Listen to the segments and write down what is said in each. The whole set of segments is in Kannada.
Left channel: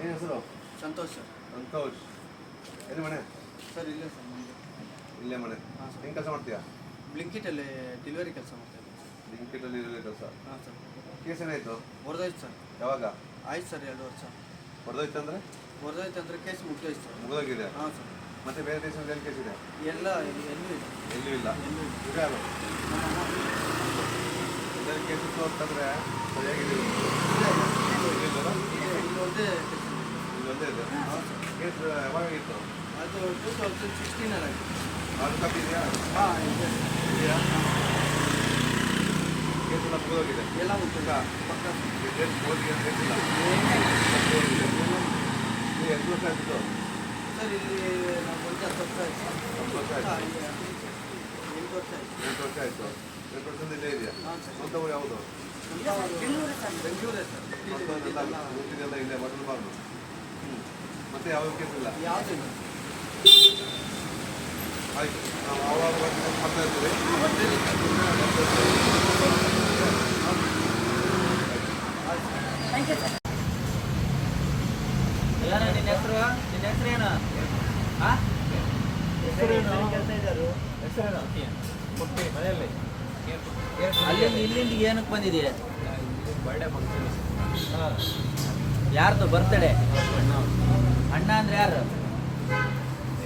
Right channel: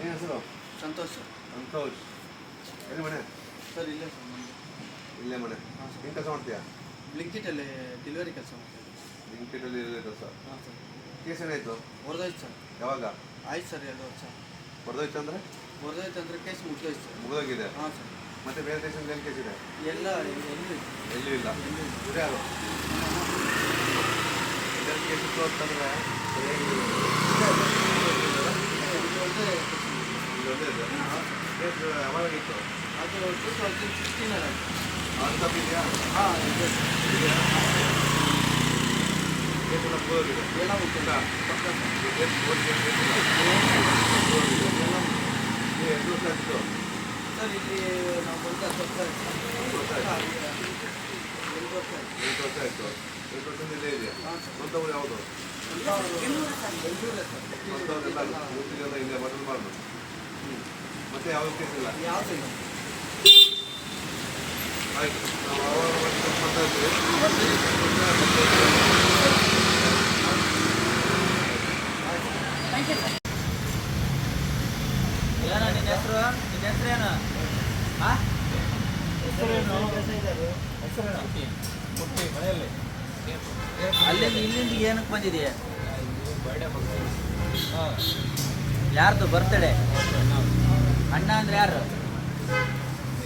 ಏನು ಹೆಸರು? ಸಂತೋಷ್ ಸರ್. ಸಂತೋಷ್. ಎಲ್ಲಿ ಮನೆ? ಸರ್ ಇಲ್ಲೇ ಸರ್ ನಮ್ಮದು. ಇಲ್ಲೇ ಮನೆ. ಹಾಂ ಸರ್. ಏನು ಕೆಲಸ ಮಾಡ್ತೀಯಾ? ಬ್ಲಿಂಕಿಟಲ್ಲಿ ಡೆಲಿವರಿ ಕೆಲಸ ಮಾಡ್ತಾಯಿದ್ದೆ. ಬ್ಲಿಂಕಿಟಲ್ಲಿ ಕೆಲಸ. ಹಾಂ ಸರ್. ಕೇಸ್ ಏನಾಯಿತು? ಹೊಡೆದೋಯ್ತು ಸರ್. ಯಾವಾಗ? ಆಯ್ತು ಸರ್ 2 ವರ್ಷ. ಹೊಡೆದೋಯ್ತು ಅಂದರೆ? ಹೊಡೆದೋಯ್ತು ಅಂದರೆ ಕೇಸ್ ಮುಗಿದೋಯ್ತು ಸರ್. ಮುಗಿದೋಗಿದೆ. ಹಾಂ ಸರ್. ಮತ್ತೆ ಬೇರೆ ದೇಶದಲ್ಲಿ ಏನು ಕೇಸ್ ಇದೆ? ಎಲ್ಲ ಎಲ್ಲೂ ಇಲ್ಲ. ಇವ್ರು ಯಾರು? ನಮ್ಮ ಅಮ್ಮ. ಎಲ್ಲರೂ ಕೇಸ್ ಇತ್ತು ಅಂತಂದರೆ ಸರಿಯಾಗಿ ಒಂದೇ ಇದೆ. ಕೇಸ್ ಯಾವಾಗ ಇತ್ತು? ಅದು 2016 ಆಯಿತು. ಅದು ತಪ್ಪಿದೆಯಾ? ಹಾಂ ಇದೆ ಇದೆಯಾ? ಕೇಸ್ ಎಲ್ಲ ಮುಗಿದೋಗಿದೆ. ಎಲ್ಲ ಮುಗಿದ ಪಕ್ಕ ಕೇಸ್ ಓದಿಗೆ ಕೇಸಿಲ್ಲ. ಏನಾಯಿತು ನೀವು ಎಷ್ಟು ವರ್ಷ ಆಗಿತ್ತು? ಸರ್ ಇಲ್ಲಿ ನಾವು ಬಂದು 10 ವರ್ಷ ಆಯ್ತು ಸರ್. 10 ವರ್ಷ ಆಯಿತು. 8 ವರ್ಷ ಆಯಿತು. 8 ವರ್ಷ ಆಯಿತು. 8 ವರ್ಷದಿಂದ ಇದೇ ಇದೆಯಾ? ಹಾಂ ಸರ್. ಸ್ವಂತವರು ಯಾವುದು? ಬೆಂಗಳೂರೇ ಸರ್. ಊರಿಗೆಲ್ಲ ಇಲ್ಲೇ ಬರಬಾರ್ದು. ಮತ್ತೆ ಯಾವ ಕೇಸ್ ಇಲ್ಲ? ಯಾವುದೂ ಇಲ್ಲ. ಆಯಿತು, ನಾವು ಅವಾಗ ಮಾಡ್ತಾ ಇರ್ತೀವಿ. ಎಲ್ಲ ನಿನ್ನ ಹೆಸರು ಏನು? ಹಾಂ ಹೆಸರೇನು? ಕೊಟ್ಟಿ ಮನೆಯಲ್ಲಿ ಅಲ್ಲಿಂದ ಇಲ್ಲಿಂದ ಏನಕ್ಕೆ ಬಂದಿದೆಯಾ? Birthday function. ಹಾಂ. ಯಾರ್ದು ಬರ್ತಡೇ? ಅಣ್ಣ ಅಂದ್ರೆ ಯಾರು?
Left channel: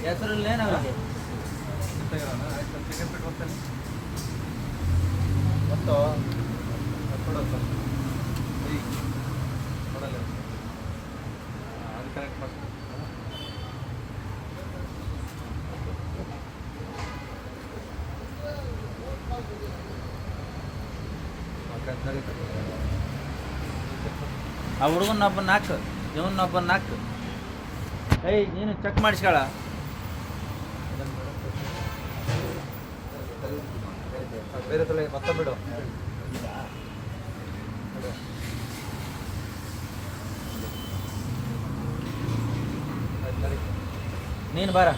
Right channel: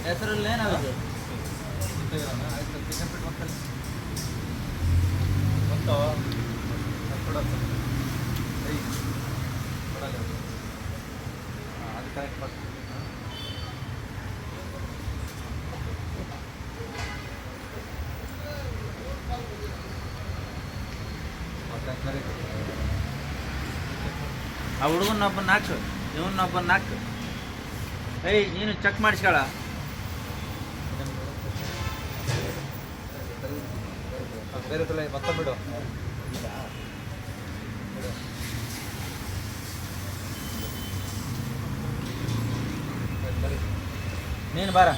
ಹೆಸರು ಏನು ಅವ್ರಿಗೆ? ಮತ್ತು ಅದು ಕರೆಕ್ಟ್ ಮಾಡ್ತೀನಿ. ಆ ಹುಡುಗನೊಬ್ಬ ನಾಲ್ಕು, ಇವನೊಬ್ಬ ನಾಲ್ಕು. ಏಯ್ ನೀನು ಚೆಕ್ ಮಾಡಿಸ್ಕೊಳ. ಬೇರೆ ತಲೆ ಮತ್ತೆ ಬಿಡು. ನೀನು ಬಾರ.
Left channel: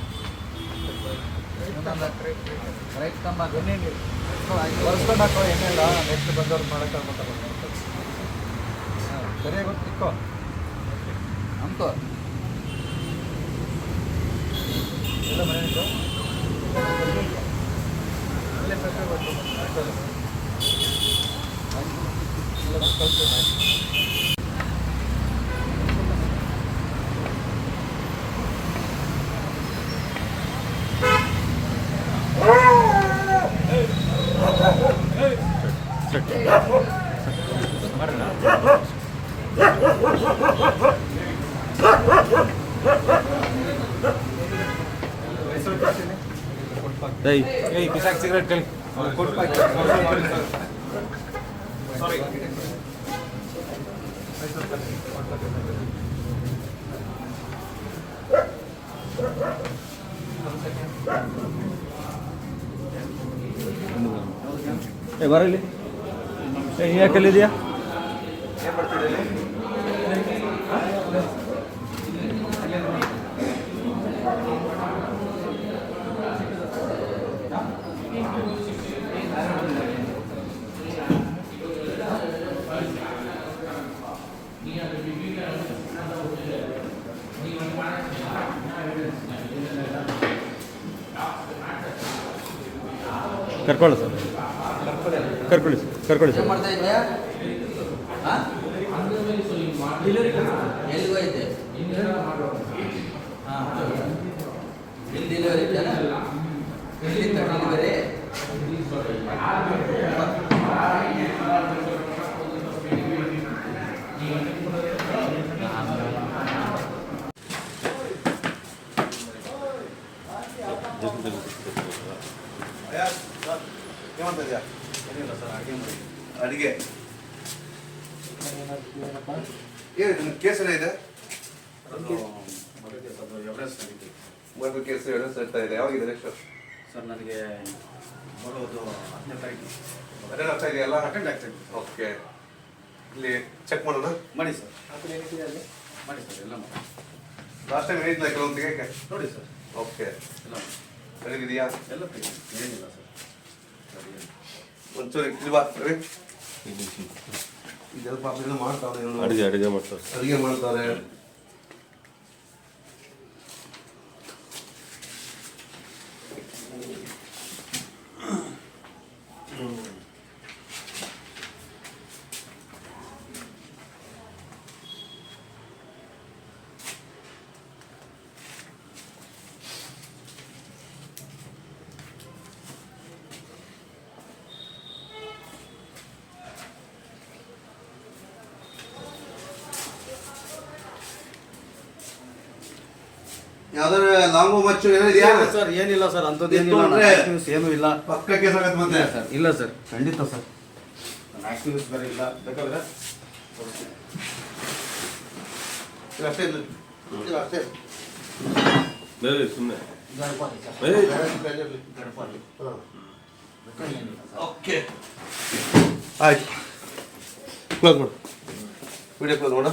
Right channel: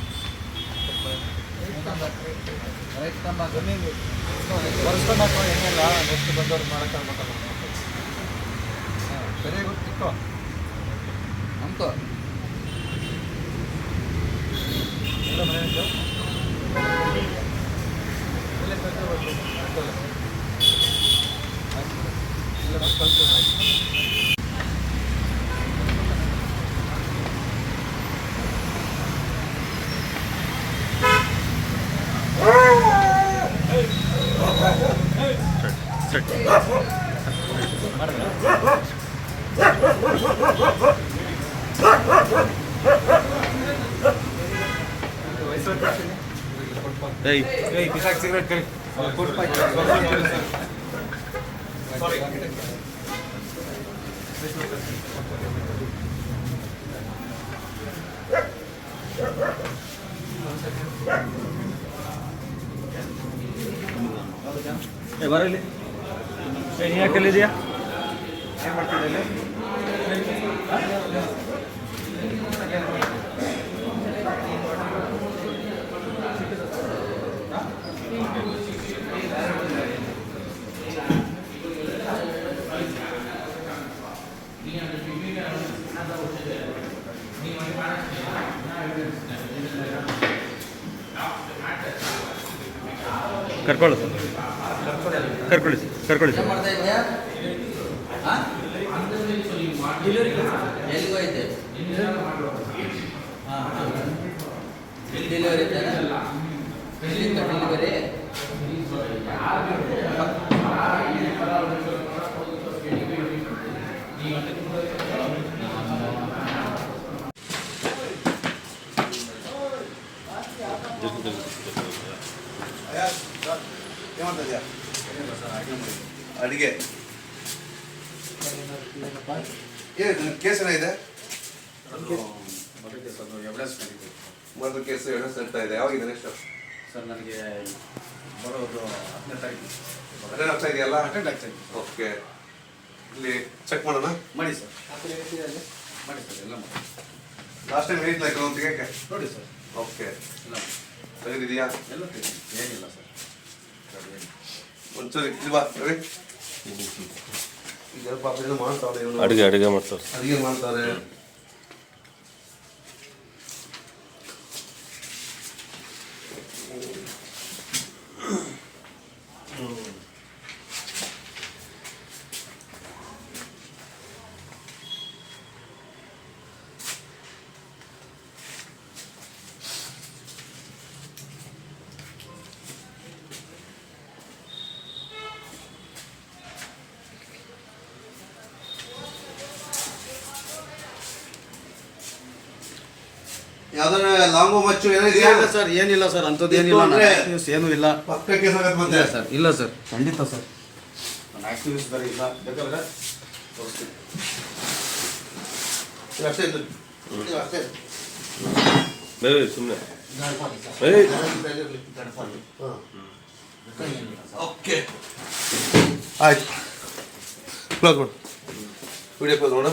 ರೈಟ್ ಕಂಬ ಬರ್ಸ್ಕೊಂಡು ಹಾಕೋ. ಏನಿಲ್ಲ, ನೆಕ್ಸ್ಟ್ ಬಂದವ್ರು ಮಾಡೋಕ್ಕೆ ಆಗ್ಬೇಕಲ್ಲ. ಹಾಂ ಸರಿಯಾಗಿ ಗೊತ್ತಿಕ್ಕೋ ನಮ್ಕೋ. ಎಲ್ಲ ಮನೆಯಿಂದ ಇಲ್ಲೇ ಕಳ್ಸಿ ಬಂದು ಎಲ್ಲ ಕಳ್ಸಿ. ಸಿಗರೇಟ್ ಕೈ ಬರಲಿ. ಯಾಕೆಲ್ಲಿದೆಯಾ? ಏನು ಮಾಡ್ತಿದ್ದೀವಿ? ಕರ್ಕೊಳ್ಳಿ ಸರ್, ಕರ್ಕೊಳ್ಳಿ ಸರ್. ಮಾಡ್ತಾ ಇದೆಯಾ? ಹಾಂ ಎಲ್ಲಿಗೂ ಐತೆ? ಹಾಂ ಇಲ್ಲಿ ಡೆಲಿವರಿ ಇದೆಯಲ್ಲ? ಇಲ್ಲಿ ಡೆಲಿವರಿ ಏನಿಲ್ಲ ಸರ್, ಅಡುಗೆ ಏನು ಕೇಸ್ ಏನಿದೆ? ಮರ್ಡರ್ ಕೇಸ್ ಎವಿಡೆನ್ಸ್ ಇರ್ತಾ ಇದೆ. ಯಾವಾಗಿದೆ ನೆಕ್ಸ್ಟ್? ಸರ್ ನನಗೆ ಬರೋದು 10ನೇ ತಾರೀಕು ಅಟೆಂಡ್ ಆಗ್ತಾ ಇದೆಯಲ್ಲ? ಅಟೆಂಡ್ ಆಗ್ತಾ ಇದ್ದೀನಿ. ಓಕೆ, ಇಲ್ಲಿ ಚೆಕ್ ಮಾಡೋಣ. ಮಾಡಿ ಸರ್, ಮಾಡಿ ಸರ್, ಎಲ್ಲ ಮಾಡಿ. ಲಾಸ್ಟ್ ಟೈಮ್ ಹೇಳಿದ್ಲ ಕೆಲವೊಂದು ತೆಗಿಯಕ್ಕೆ? ನೋಡಿ ಸರ್, ಓಕೆ, ಎಲ್ಲ ತೆಗೆದಿದೆಯಾ? ಎಲ್ಲ ತೆಗಿ, ಏನಿಲ್ಲ ಸರ್. ಒಂಚೂರು ಇಲ್ವಾ ರವಿ? ಇದೆಲ್ಲ ಪಾಪ ಏನೋ ಮಾಡ್ತಾವ್ರೆ, ಅಡುಗೆ ಮಾಡ್ತಾರೆ. ಅಡುಗೆ ಮಾಡ್ತಾರೆ. ಯಾವ್ದಾರ ಲಾಂಗು ಮಚ್ಚು ಏನಿದೆಯಾ ಇಲ್ಲ ಸರ್, ಏನಿಲ್ಲ ಸರ್, ಅಂಥದ್ದು ಏನಿಲ್ಲ. ಇತ್ತು ಅಂದ್ರೆ ಆಕ್ಟಿವ್ಸ್ ಏನೂ ಇಲ್ಲ. ಪಕ್ಕಕ್ಕೆ ಸಾಕತ್ ಮತ್ತೆ ಇಲ್ಲ ಸರ್, ಇಲ್ಲ ಸರ್, ಖಂಡಿತ ಸರ್. ನನ್ನ ಆಕ್ಟಿವ್ಸ್ ಬೇರೆ ಇಲ್ಲ, ಬೇಕಾದ್ರೆ ತೋರಿಸ್ತೀನಿ. ಇದು ಅಷ್ಟೇ ಇದು. ಇದು ಅಷ್ಟೇ ಸುಮ್ಮನೆ ಓಕೆ ಆಯ್ತು ಕ್ಲೋಸ್ ಮಾಡು ವಿಡಿಯೋ ಕ್ಲೋಸ್ ಮಾಡು